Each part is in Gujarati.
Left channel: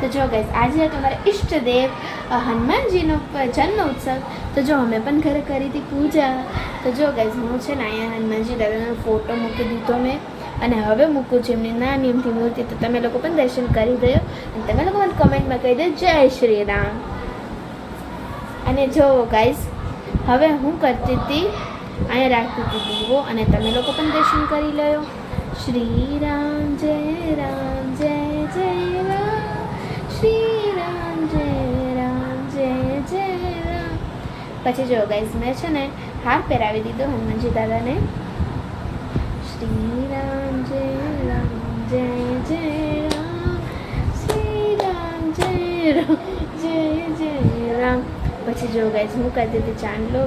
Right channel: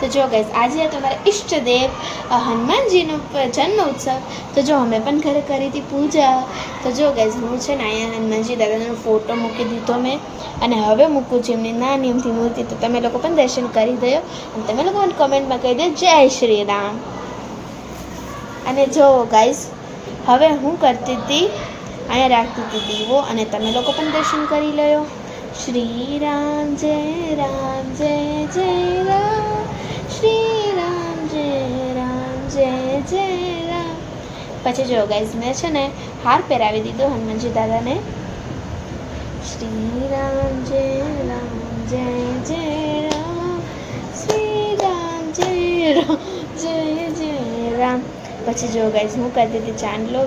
તો જો ગાઈઝ આજે હતો મારા ઈષ્ટદેવ હનુમાનજીનો જન્મ ઉત્સવ. તો જો અમે પણ ઘરે કરી હતી પૂજા. તો જો ગાઈઝ હું છે ને અહીંયા હનુમાનજી દાદાનો ફોટો મૂકી દીધો મેં, અને હવે મૂકું છું એમની નાની અમથી મૂર્તિ. તો તમે લોકો પણ દર્શન કરી દો, અને તમે લોકો મને કમેન્ટમાં કહી દો જય શ્રી રામ. અને જો ગાઈઝ હવે હું કરતી હતી અહીંયા રાખતી હતી દીવો, અને તમે લોકો પણ દર્શન કરી લો. શ્રી રામ જય રામ જય જય રામ, શ્રી રામ જય રામ જય જય રામ. પછી જો ગાઈઝ મેં છે ને હાર પહેરાવી દીધો હનુમાનજી દાદાને. શ્રી રામ જય રામ જય જય રામ, શ્રી રામ જય રામ જય જય રામ. પછી જો ગાઈઝ હું કરતી હતી ચાંદલો,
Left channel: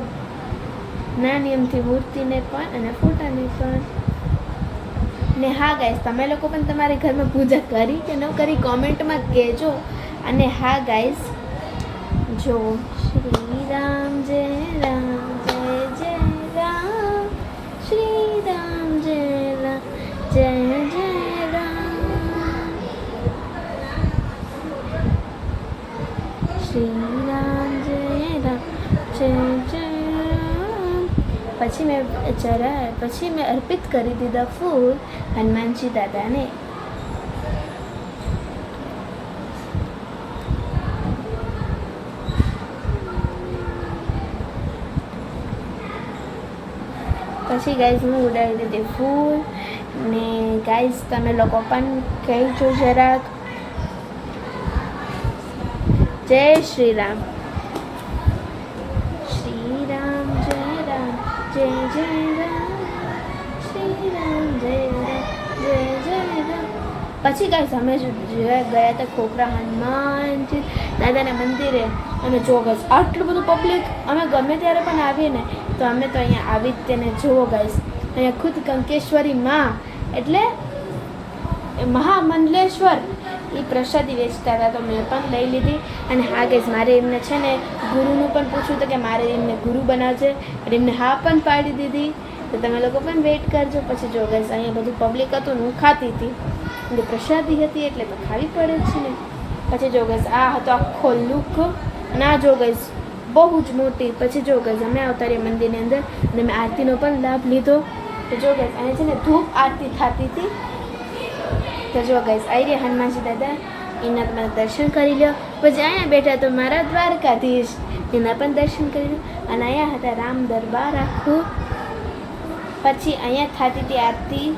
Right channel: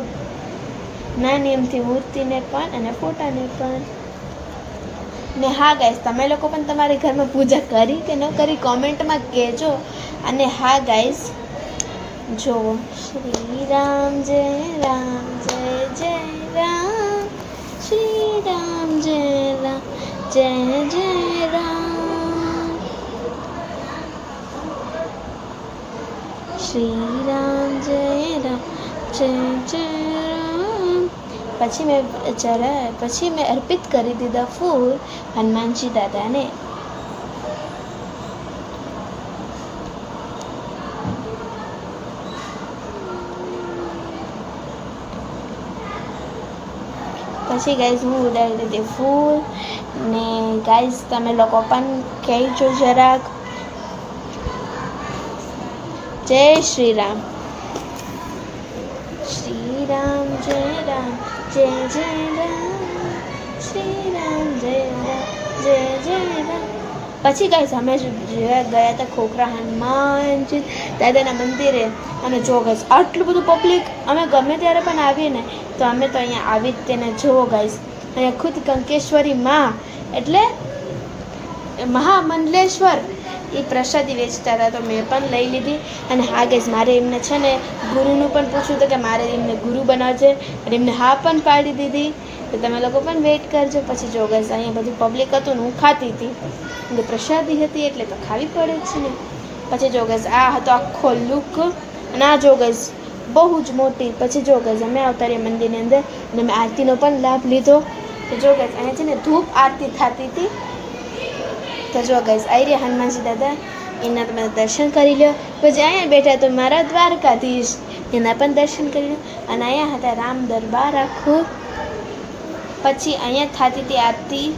નાની એમથી મૂર્તિને પણ અને ફોટાને પણ. ને હા ગાઈઝ તમે લોકો પણ તમારી ઘરમાં પૂજા કરી કે ન કરી કોમેન્ટમાં કહેજો. અને હા ગાઈઝ જો શ્રી રામ જય રામ જય જય રામ, શ્રી રામ જય રામ જય જય રામ, શ્રી રામ જય રામ જય જય રામ. પછી મેં અર્પિત કરી દીધા ફૂલ હનુમાનજી દાદાને. પછી ગાઈઝ હું ઉડાડી દીધી ફૂલ. ને ગાઈઝ તમે લોકો પણ કહેજો જરાક જય શ્રી રામ. શ્રી રામ જય રામ જય જય રામ, શ્રી રામ જય રામ જય જય રામ. પછી ગાઈઝ અમે ગયા હતા ખોખરા હનુમાનજી દાદાના મંદિરે. અને જો ગાઈઝ આટલું બધું પબ્લિક, અમે ગમે ત્યારે પણ આવીએ ને તો અમે તો અહીંયા આવી જ તેને જુઓ ગાઈઝ. અહીંયા ખુદ કંકેશ્વરી માં એટલે મહામંડલેશ્વર એ પ્રસાદી વેચતા હતા, તો મેં પણ લઈ લીધી. અને હા ગાઈઝ મારે એમને છે ને ગુરુનું પણ પૂછ્યું હતું કે મારે એમને ગુરુ બનાવજે, અને એમને હા પણ પાડી દીધી. તો તમે લોકો પણ વેઇટ કરજો. પછી જો ગાઈઝ અહીંયા બધું પબ્લિક હતું ને હું ખાતી હતી, એટલે પ્રસાદી હતી એટલે તો ખાવી પડે છે ને. પછી જો ગાઈઝ આ હતો આખો લુક, ના જો ગાઈઝ બહુ જ મોટી. પછી જો ગાઈઝ અમે આવતા રહ્યા મંદિરની અંદર, અને મેં આરતીનો પણ લાભ લીધો. તો જો ગાઈઝ અહીંયા છે ને ધૂપ આરતી થતી હતી. તો જો ગાઈઝ આવી રહ્યા હનુમાનજી દાદા, એના તમે દર્શન કરી લો. પછી અહીંયા બેઠા તો મારા દ્વારકાધીશ, એના પણ દર્શન કરી લો. અને અહીંયા હતા રામ દરબાર આખું. પછી અહીંયા થતી હતી આરતી.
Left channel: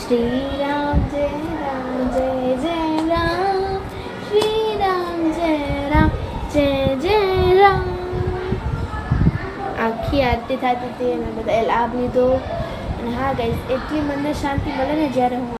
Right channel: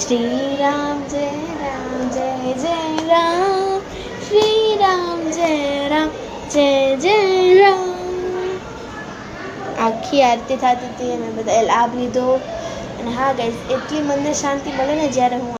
શ્રી રામ જય રામ જય જય રામ, શ્રી રામ જય રામ જય જય રામ. આખી આરતી થતી હતી, મેં બધા લાભ લીધો. અને હા ગાઈઝ એટલી મને શાંતિ મળે ને જ્યારે હું